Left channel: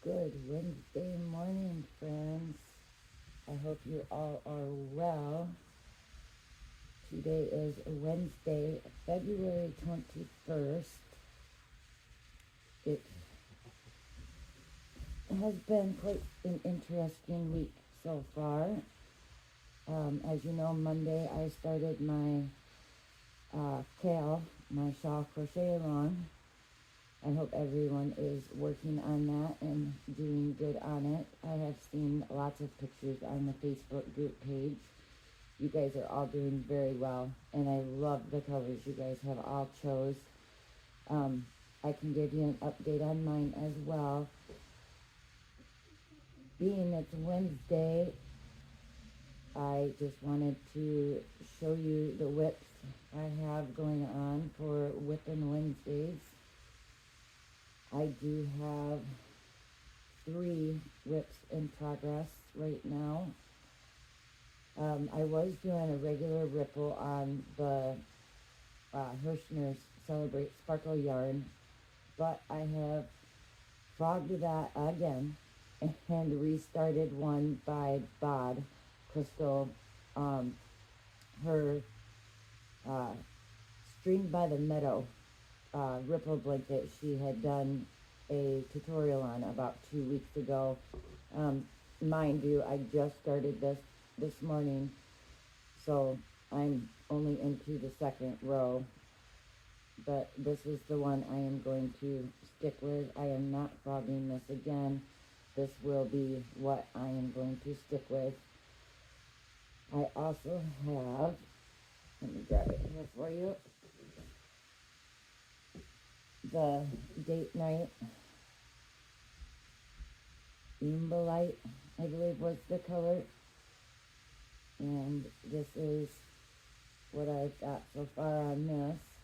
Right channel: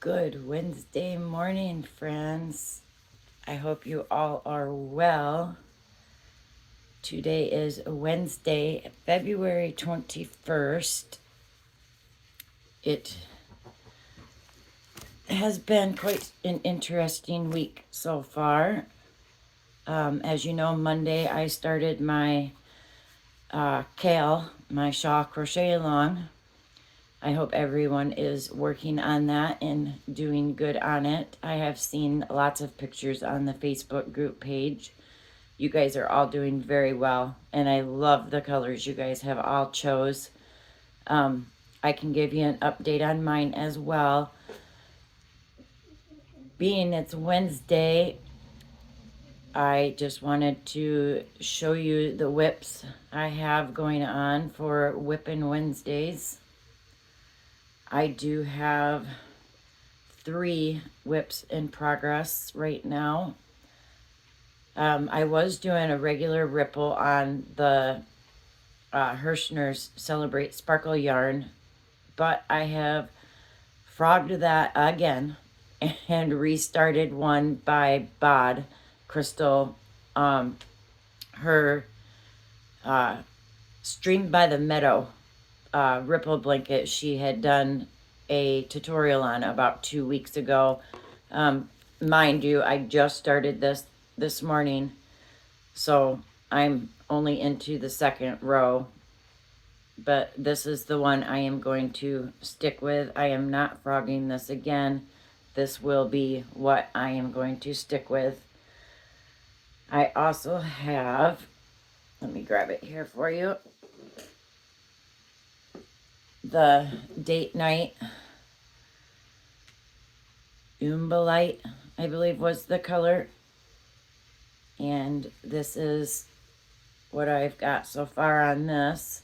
Good Wednesday morning, friends. I hope you all are well. Today is Wednesday, February 21st. It has been quite an interesting week so far. As you know, Monday I started my my shawl crochet along. I hope everyone is working on that and doing good on it. I have seen lots of pictures on the Facebook group page. You guys are all doing very well, and I love the colors you guys have all chose. I can give you an update on mine as well. Being it's Wednesday, I just wanted to show you the whips I have going on for Whippin' Wednesdays. I do have 3 whips in progress right now. I was doing a regular ripple on the Hirschner's Celebrate Sparkle yarn, but I have frogged that again and restarted one by Bod Crystal. Her Stream by the Meadow ripple blanket she had done a tutorial on about 2 weeks ago. Mind you, I just started this morning, so I'm only into the second row, but this is the one I am going to stick with. I am not frogging this again. This will be what I am going to stick with. I also have, let me grab it here for you, the Date Night Umbalite, I believe was the color. And this is what I've got so far on this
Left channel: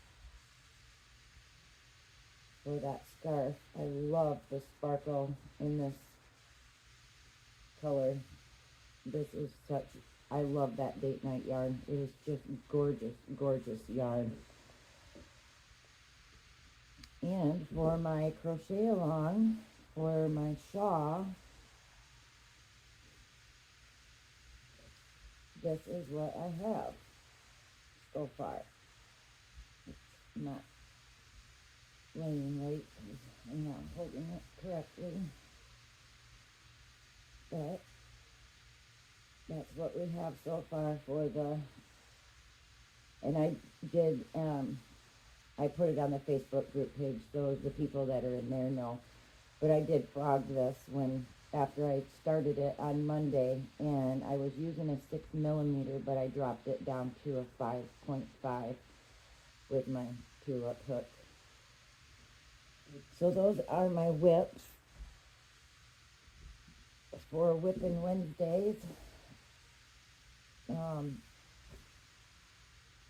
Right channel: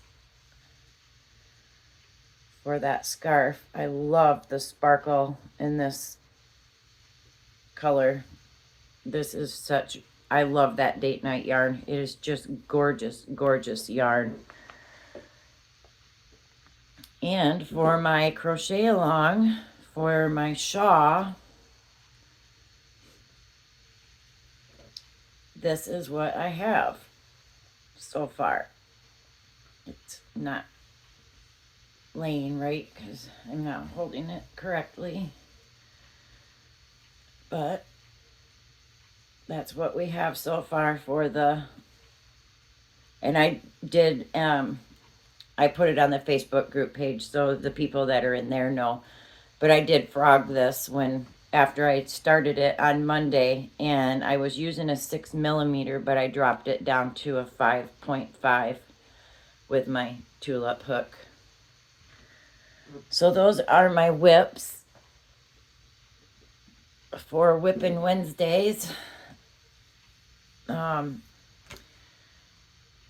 for that scarf. I love the sparkle in this color. This is such, I love that Date Night yarn. It is just gorgeous, gorgeous yarn. And for my crochet along, for my shawl, this is what I have so far. It's not laying right because I'm not holding it correctly, but that's what we have so far for the, and I did I put it on the Facebook group page so the people that are in there know, but I did frog this when after I started it on Monday, and I was using a 6mm, but I dropped it down to a 5.5 with my tulip hook. So those are my whips for Whippin' Wednesdays.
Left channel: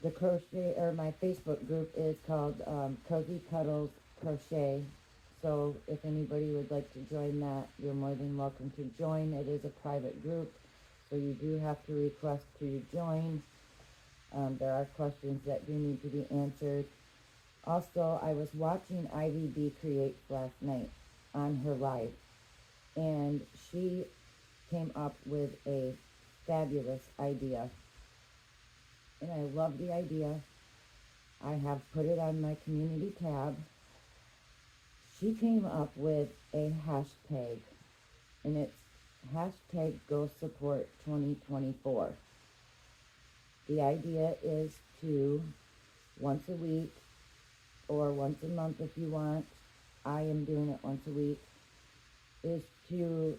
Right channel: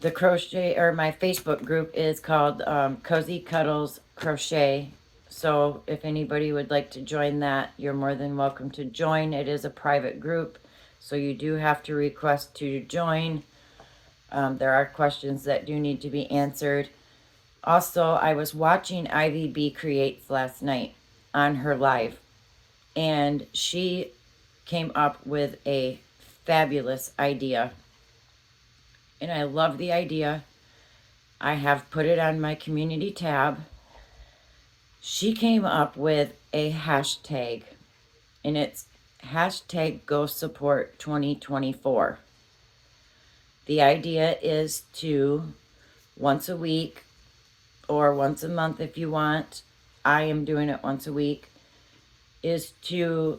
The crochet, or my Facebook group is called Cozy Cuddles Crochet. So if anybody would like to join that, you're more than welcome to join. It is a private group, so you do have to request to join. There are questions that do need to be answered. Also, I was watching Ivy B Creates last night on her live, and she came up with a fabulous idea. And I love the idea. I have put it on my community tab. She came up with a hashtag, and it's hashtag Go Support 2024. The idea is to, once a week or once a month if you want, I am doing it once a week, is to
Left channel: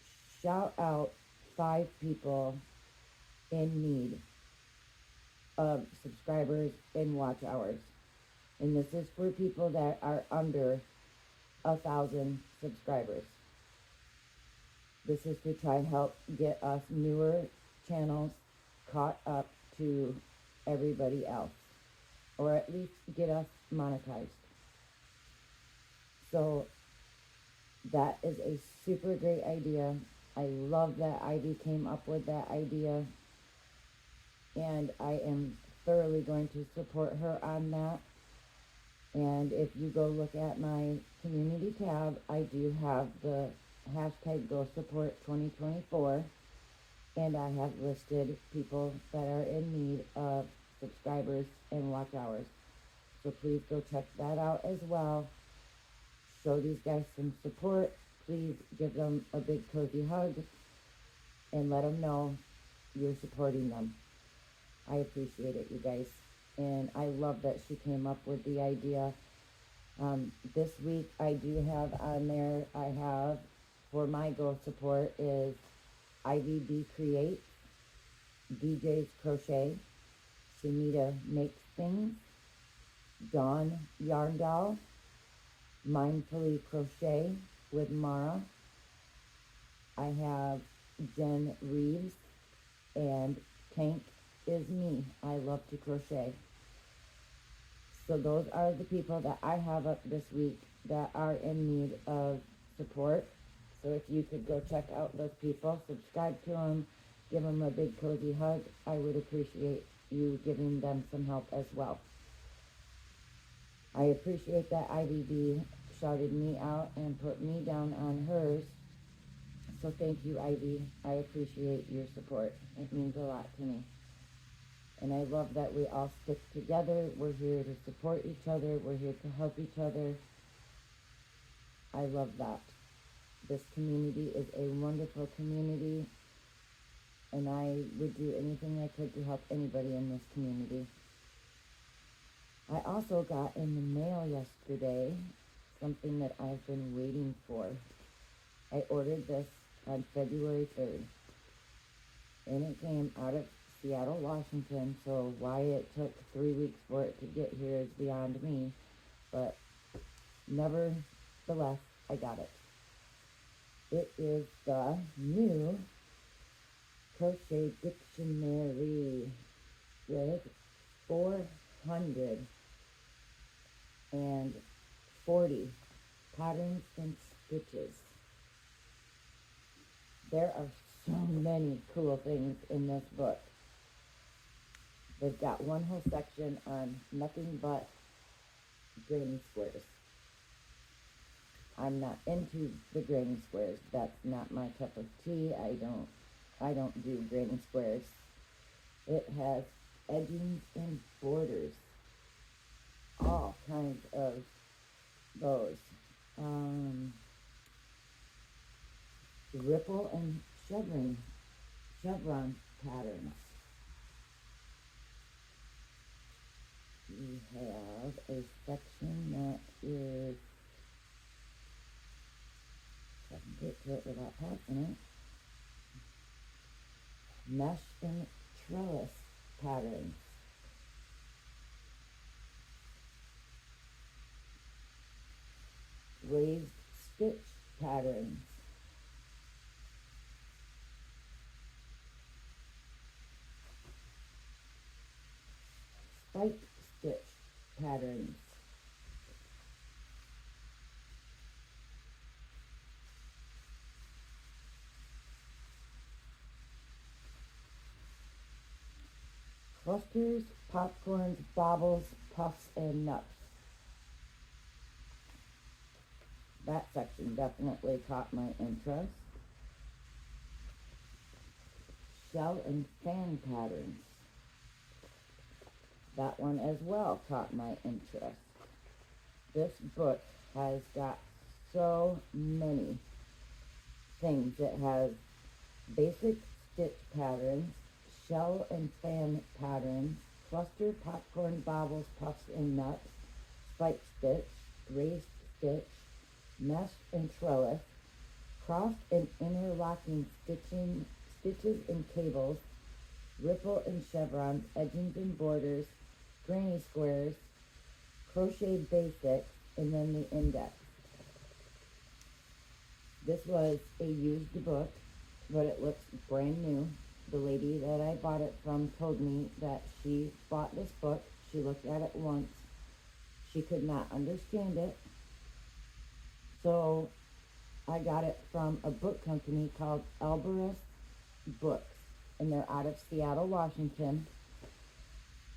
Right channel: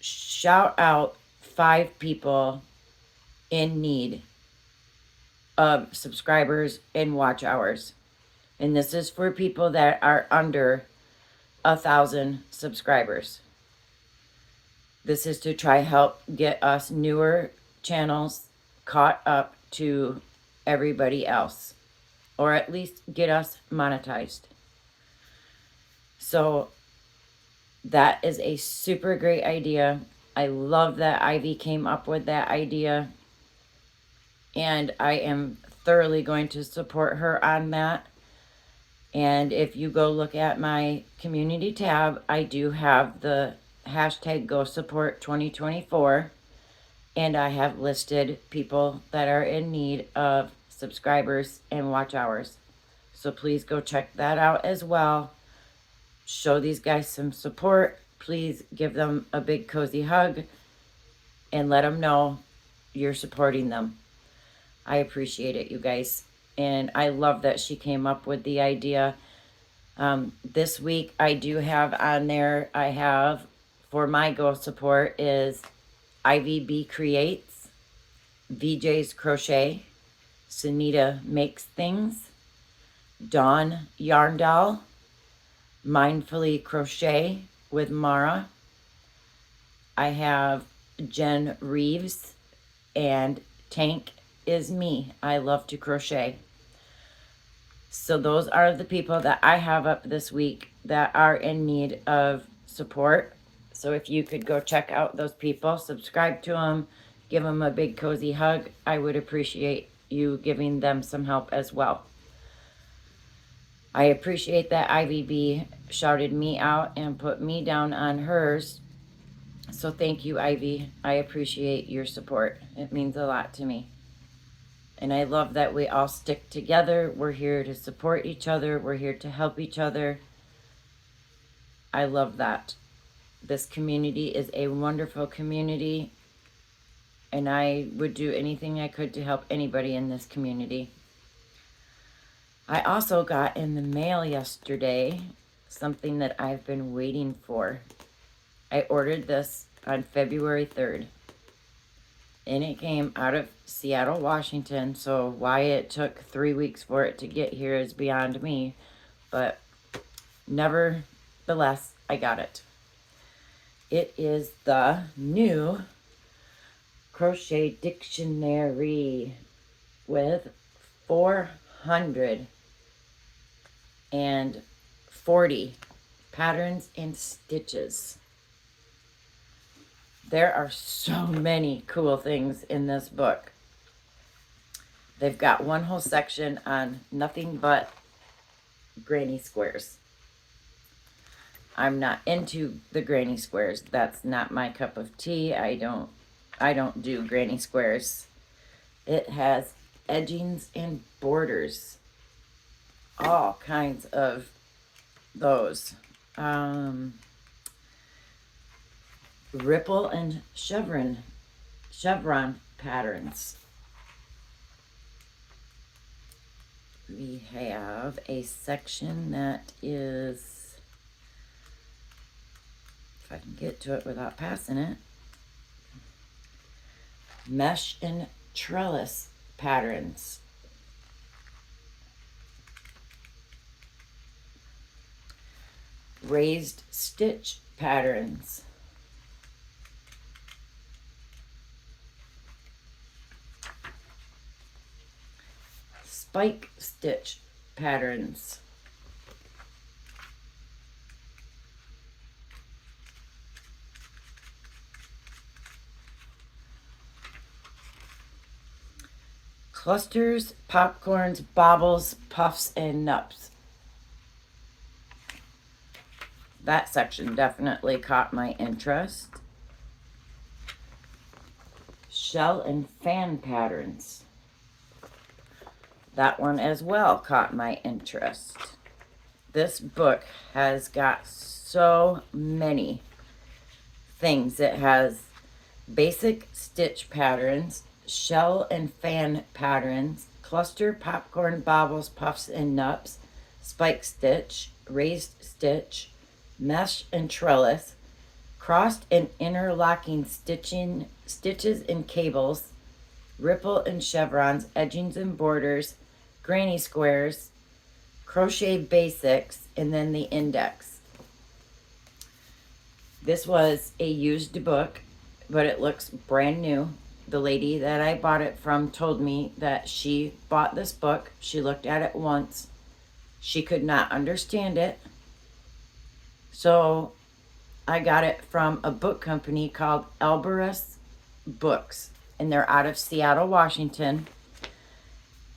shout out 5 people in need of subscribers and watch hours. And this is for people that are under 1,000 subscribers. This is to try help get us newer channels caught up to everybody else, or at least get us monetized. So that is a super great idea. I love that Ivy came up with that idea, and I am thoroughly going to support her on that. And if you go look at my community tab, I do have the hashtag Go Support 2024, and I have listed people that are in need of subscribers and watch hours. So please go check that out as well. Show these guys some support. Please give them a big cozy hug and let them know you're supporting them. I appreciate it, you guys. And I love that she came up with the idea. This week I do have on there, I have for my Go Support is IVB Creates, VJ's Crochet, Sunita Makes Things, Dawn Yarn Doll, Mindfully Crochet with Mara. I have Jen Reeves and Tank is Me. I love to crochet. So those are the people that I have up this week that are in need of support. So if you could go check out those people, subscribe to them, give them a big cozy hug, I would appreciate you giving them some help as well. I appreciate that IVB shouted me out and put me down on hers. So thank you, Ivy. I appreciate your support. It means a lot to me. And I love that we all stick together. We're here to support each other. We're here to help each other. I love that. This community is a wonderful community. And I would do anything I could to help anybody in this community. I also got in the mail yesterday something that I've been waiting for. I ordered this on February 3rd. And it came out of Seattle, Washington. So why it took 3 weeks for it to get here is beyond me. But nevertheless, I got it. It is the new crochet dictionary with 440 patterns and stitches. There are so many cool things in this book. They've got one whole section on nothing but granny squares. I'm not into the granny squares. That's not my cup of tea. I don't do granny squares. It has edgings and borders. All kinds of those. Ripple and chevron patterns. We have a section that is, if I can get to it without passing it, mesh and trellis patterns. Raised stitch patterns. Spike stitch patterns. Clusters, popcorns, baubles, puffs, and nups. That section definitely caught my interest. Shell and fan patterns. That one as well caught my interest. This book has got so many things. It has basic stitch patterns, shell and fan patterns, cluster, popcorn, baubles, puffs, and nups, spike stitch, raised stitch, mesh and trellis, crossed and interlocking stitches and cables, ripple and chevrons, edgings and borders, granny squares, crochet basics, and then the index. This was a used book, but it looks brand new. The lady that I bought it from told me that she bought this book. She looked at it once. She could not understand it. So I got it from a book company called Elberus Books, and they're out of Seattle, Washington.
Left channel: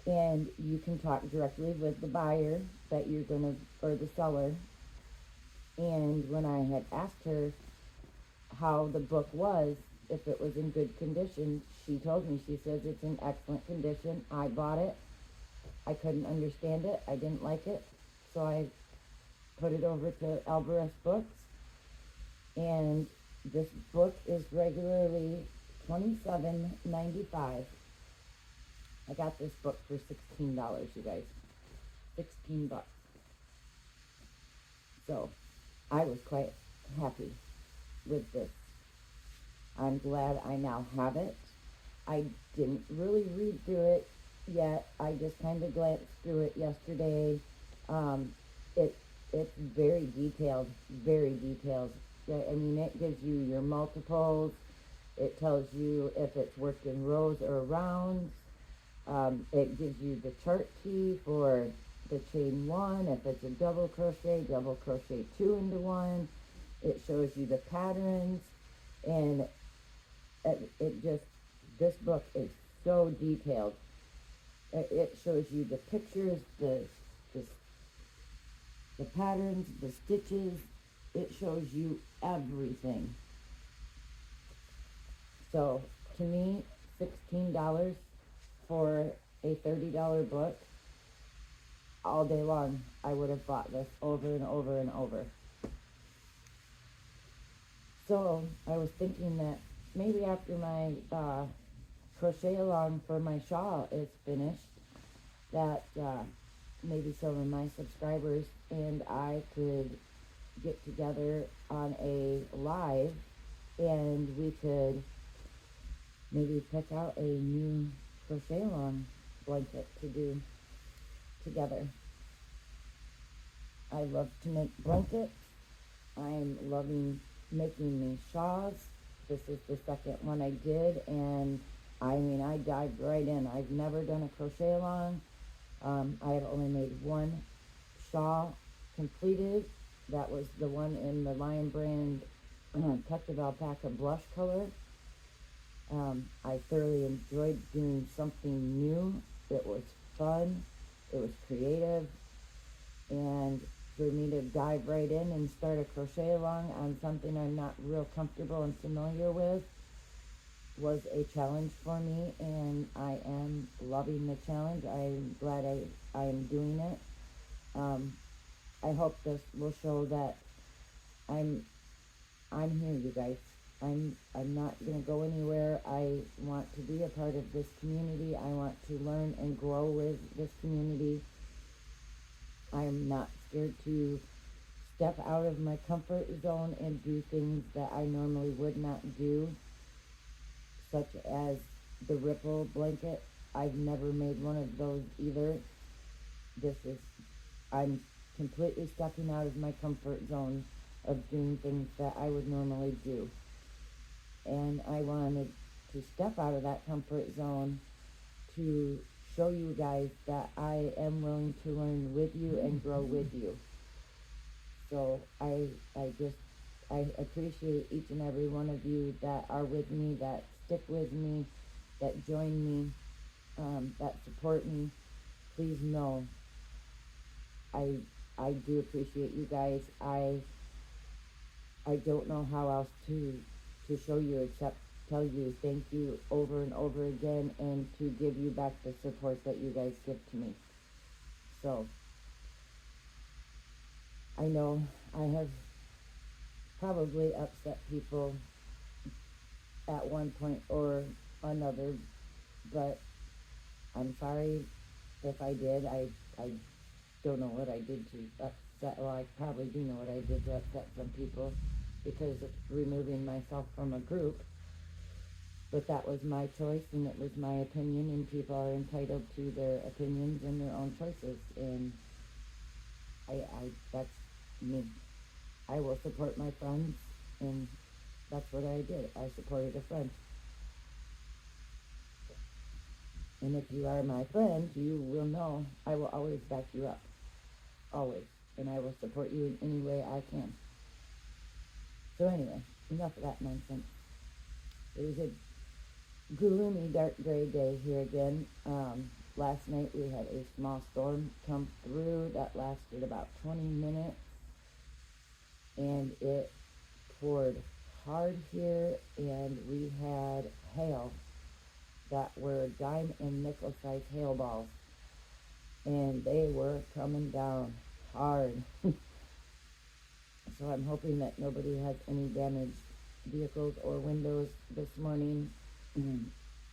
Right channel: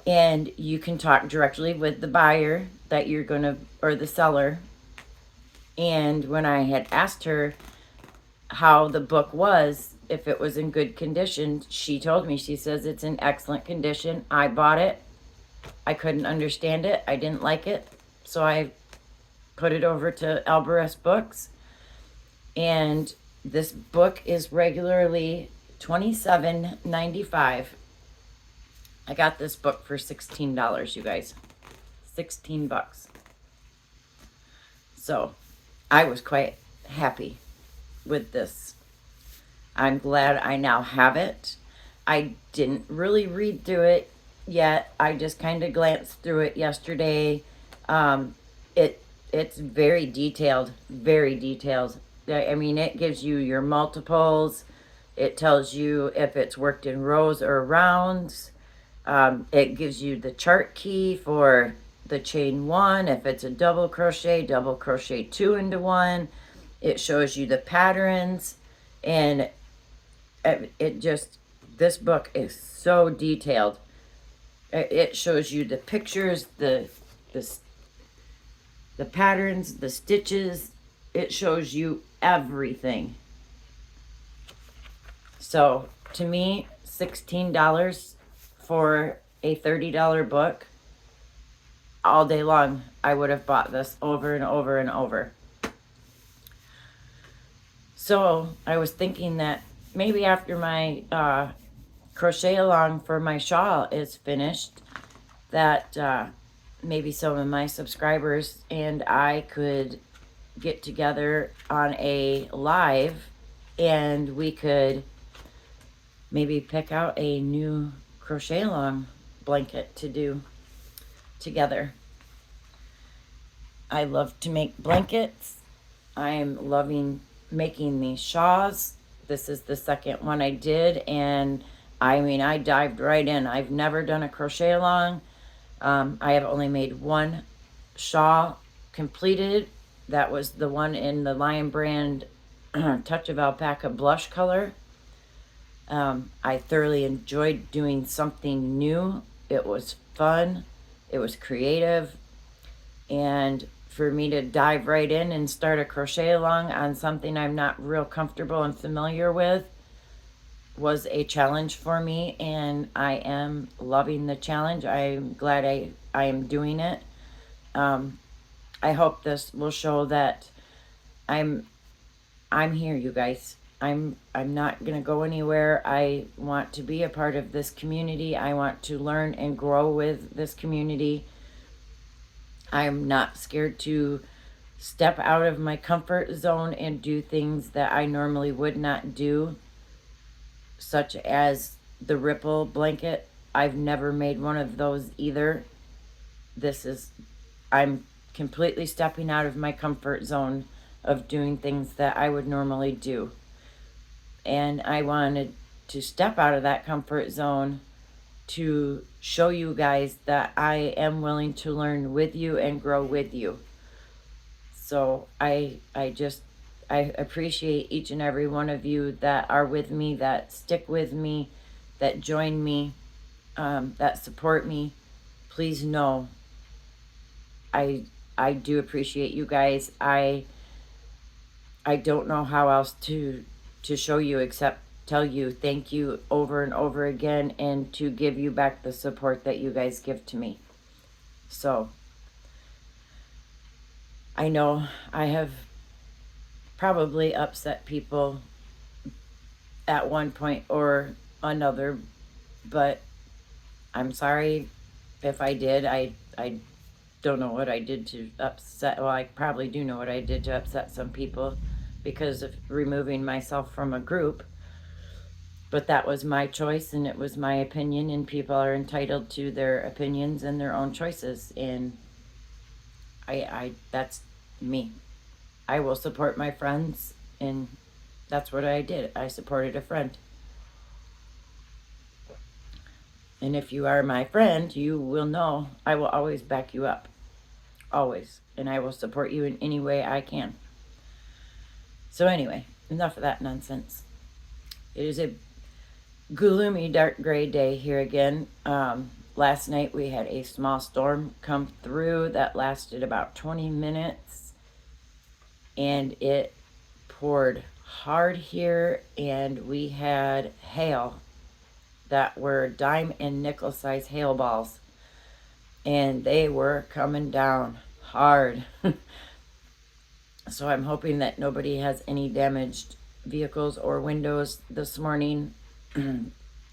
and you can talk directly with the buyer that you're gonna, or the seller. And when I had asked her how the book was, if it was in good condition, she told me, she says it's in excellent condition. I bought it. I couldn't understand it. I didn't like it. So I put it over to Alvarez Books. And this book is regularly $27.95. I got this book for $16, you guys. 16 bucks. So I was quite happy with this. I'm glad I now have it. I didn't really read through it yet. I just kind of glanced through it yesterday. Um, it's very detailed, very detailed. I mean, it gives you your multiples. It tells you if it's worked in rows or rounds. It gives you the chart key for the chain one. If it's a double crochet two into one. It shows you the patterns, and it just, this book is so detailed. It shows you the pictures, the patterns, the stitches. It shows you everything. So to me, $16 for a $30 book, all day long, I would have bought this over and over and over. So I was thinking that maybe after my crochet along for my shawl is finished, that maybe some of my subscribers and I could get together on a live, and we could maybe pick out a new crochet along blanket to do together. I love to make blankets. I'm loving making these shawls. This is the second one I did, and I mean, I dived right in. I've never done a crochet along. I have only made one shawl completed. That was the one in the Lion Brand Touch of Alpaca blush color. I thoroughly enjoyed doing something new. It was fun. It was creative. And for me to dive right in and start a crochet along on something I'm not real comfortable and familiar with was a challenge for me, and I am loving the challenge. I'm glad I am doing it. I hope this will show that I'm here, you guys. I'm not gonna go anywhere. I want to be a part of this community. I want to learn and grow with this community. I'm not scared to step out of my comfort zone and do things that I normally would not do, such as the ripple blanket. I've never made one of those either. I'm completely stepping out of my comfort zone of doing things that I would normally do. And I wanted to step out of that comfort zone to show you guys that I am willing to learn with you and grow with you. So I appreciate each and every one of you that are with me, that stick with me, that join me, that support me. Please know I do appreciate you guys. I don't know how else to show you except tell you thank you over and over again, and to give you back the support that you guys give to me. So I know I have probably upset people at one point or another, but I'm sorry if I did. I don't know what I did to upset, well, I probably do know what I did to upset some people because of removing myself from a group. But that was my choice, and it was my opinion, and people are entitled to their opinions and their own choices, and I that's me. I will support my friends, and that's what I did. I supported a friend. And if you are my friend, you will know I will always back you up. Always. And I will support you in any way I can. So anyway, enough of that nonsense. It is a gloomy, dark gray day here again. last night we had a small storm come through that lasted about 20 minutes, and it poured hard here, and we had hail that were dime and nickel size hail balls, and they were coming down hard. So I'm hoping that nobody has any damaged vehicles or windows this morning.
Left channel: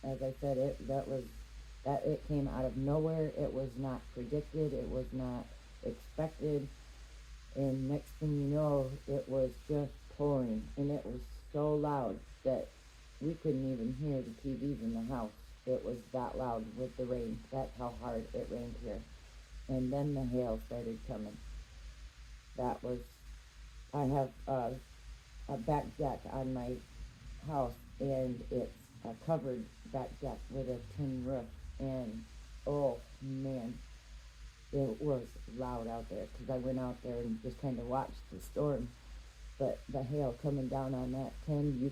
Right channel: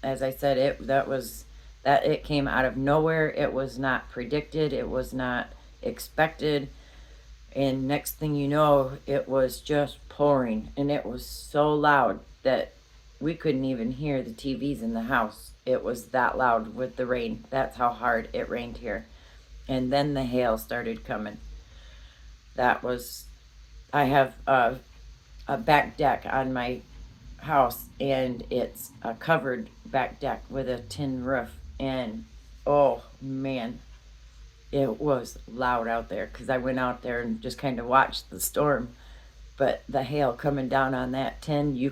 As I said, it came out of nowhere. It was not predicted. It was not expected. And next thing you know, it was just pouring, and it was so loud that we couldn't even hear the TVs in the house. It was that loud with the rain. That's how hard it rained here. And then the hail started coming. I have a back deck on my house, and it's a covered back deck with a tin roof, and oh man, it was loud out there because I went out there and just kind of watched the storm. But the hail coming down on that tin, you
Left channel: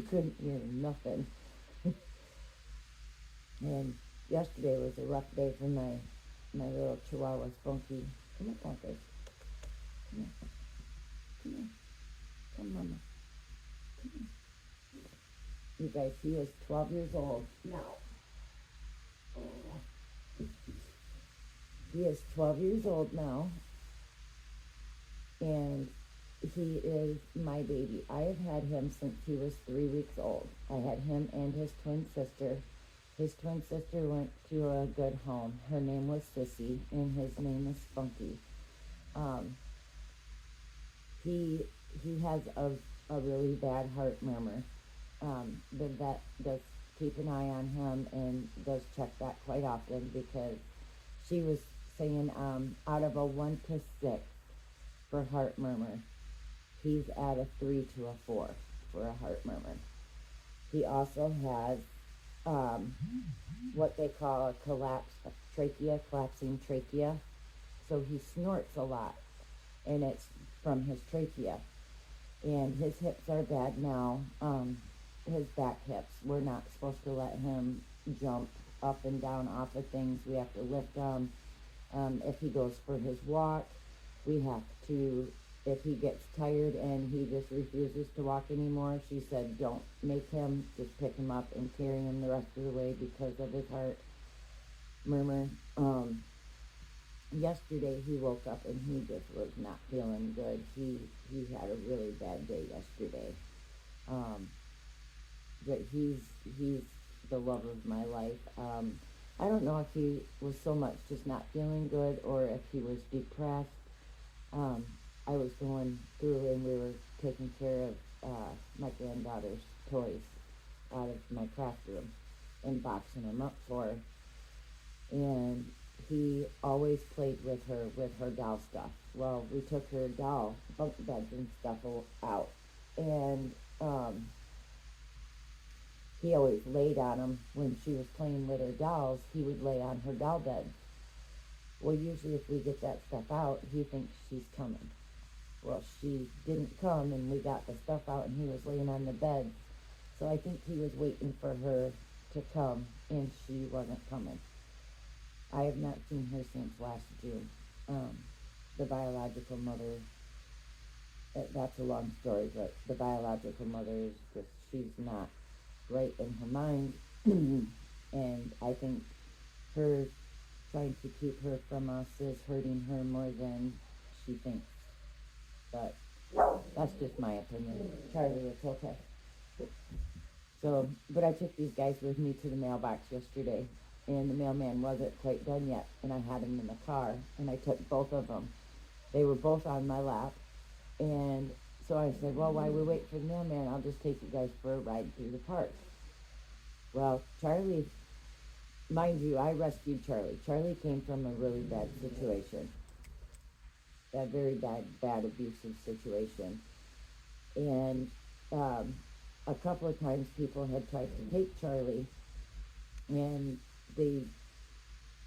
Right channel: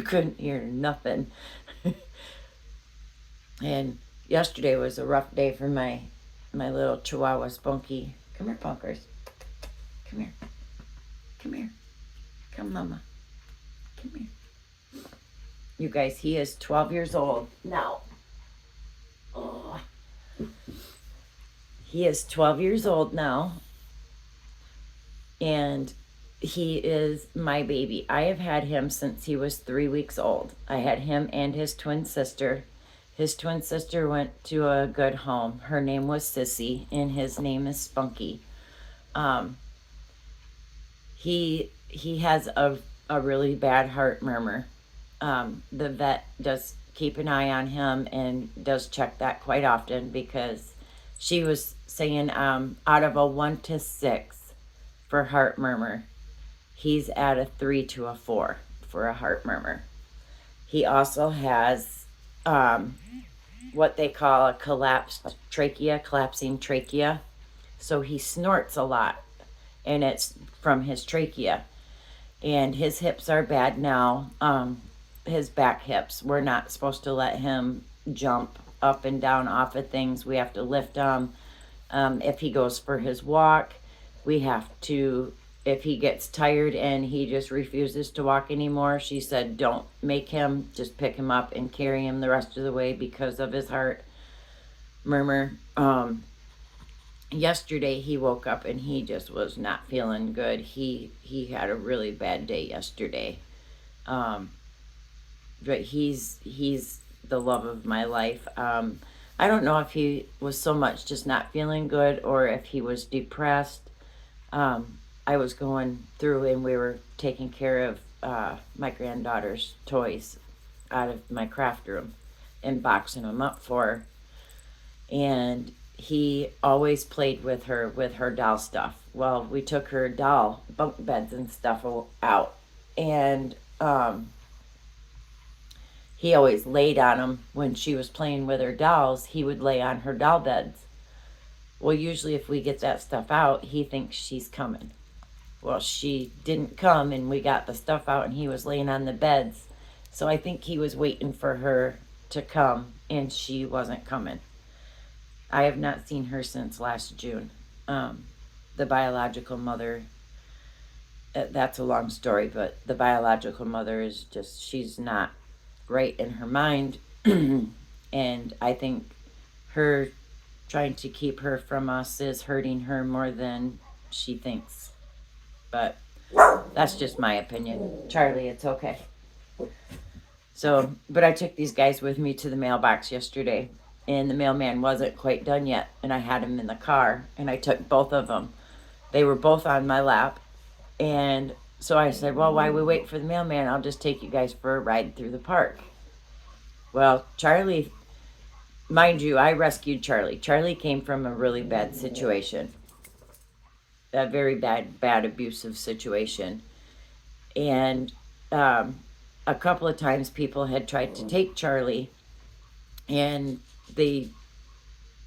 couldn't hear nothing. And yesterday was a rough day for my little Chihuahua Spunky. Come here, Punkers. Come here. Come here. Come, Mama. Come here. You guys, he is 12 years old now. Oh. He is 12 years old now, and he is my baby. I have had him since he was 3 weeks old. I had him and his twin sister. His twin sister went to a good home. Her name was Sissy, and his name is Spunky. He has a really bad heart murmur. The vet does keep an eye on him and does check that quite often, because she was saying out of a 1 to 6 for heart murmur, he's at a 3 to a 4 for a heart murmur. He also has what they call a collapsing trachea. So he snorts a lot, and it's from his trachea. And his hips are bad now. His back hips. We're not supposed to let him jump up and down off of things. We have to lift him. If he goes for his walk, we have to, if he gets tired and he just refuses to walk anymore, she said, don't make him, just pick him up and carry him the rest of the way because of his heart murmur. Yesterday he woke up and he just was not feeling good. He had a really bad day yesterday. But he's the love of my life. I don't know if he was so much just not feeling good or if he was depressed. I was going through and we were taking care of my granddaughter's toys out of my craft room and boxing them up for her. And he always played with her doll stuff. Well, we took her doll bunk beds and stuff out, and he always laid on them. When she was playing with her dolls, he would lay on her doll beds. Well, usually if we get that stuff out, he thinks she's coming. Well, she didn't come, and we got the stuff out, and he was laying on the beds. So I think he was waiting for her to come, and she wasn't coming. I have not seen her since last June. The biological mother, that's a long story, but the biological mother is just, she's not right in her mind. And I think her trying to keep her from us is hurting her more than she thinks. But that's just my opinion. Charlie, it's okay. So, but I took these guys with me to the mailbox yesterday, and the mailman wasn't quite done yet, and I had him in the car, and I took both of them. They were both on my lap, and so I said, well, while we wait for the mailman, I'll just take you guys for a ride through the park. Well, Charlie, mind you, I rescued Charlie. Charlie came from a really bad situation, a very bad abusive situation, and a couple of times people had tried to take Charlie, and they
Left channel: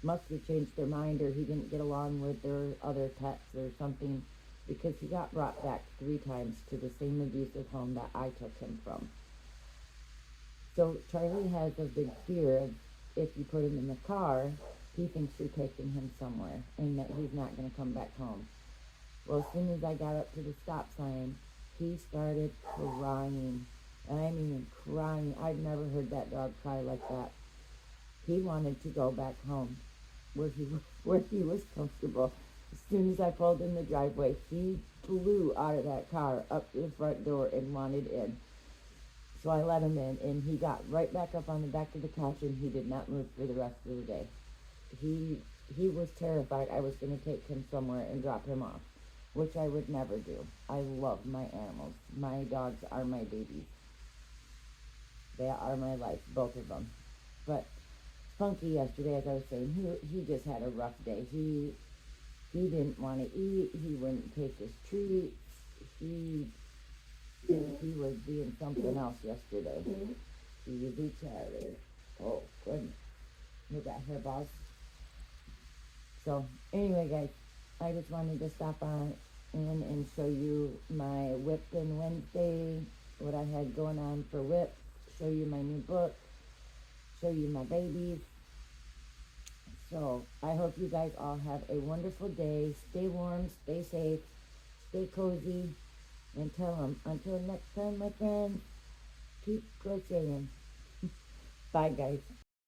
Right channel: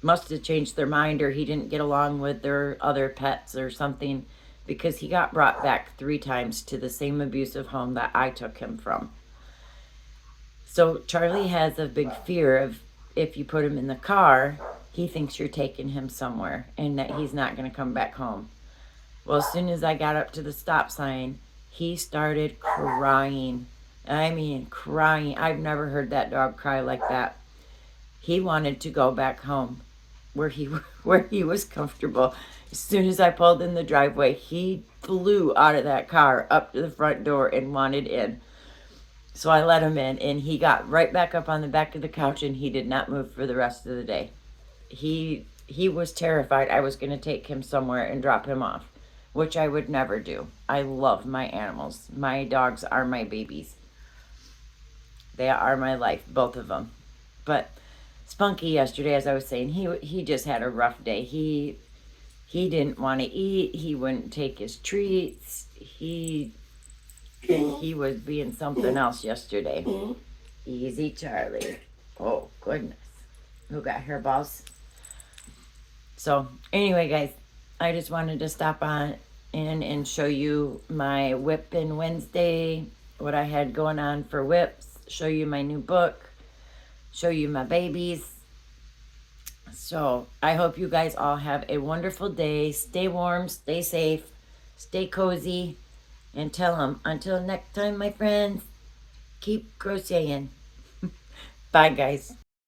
must have changed their mind, or he didn't get along with their other pets or something, because he got brought back 3 times to the same abusive home that I took him from. So Charlie has a big fear of, if you put him in the car, he thinks you're taking him somewhere and that he's not going to come back home. Well, as soon as I got up to the stop sign, he started crying. I mean, crying. I've never heard that dog cry like that. He wanted to go back home where he was comfortable. As soon as I pulled in the driveway, he flew out of that car up to the front door and wanted in. So I let him in, and he got right back up on the back of the couch, and he did not move for the rest of the day. He was terrified I was going to take him somewhere and drop him off, which I would never do. I love my animals. My dogs are my babies. They are my life, both of them. But Spunky yesterday, as I was saying, he just had a rough day. He didn't want to eat. He wouldn't take his treats. He was being something else yesterday. Easy, Charlie. Oh, goodness. Who got hairballs? So, anyway, guys, I just wanted to stop on in and show you my whip in Wednesday, what I had going on for whips, show you my new book, show you my babies. So, I hope you guys all have a wonderful day. Stay warm, stay safe, stay cozy, and tell them, until next time, my friends, keep crocheting. Bye, guys.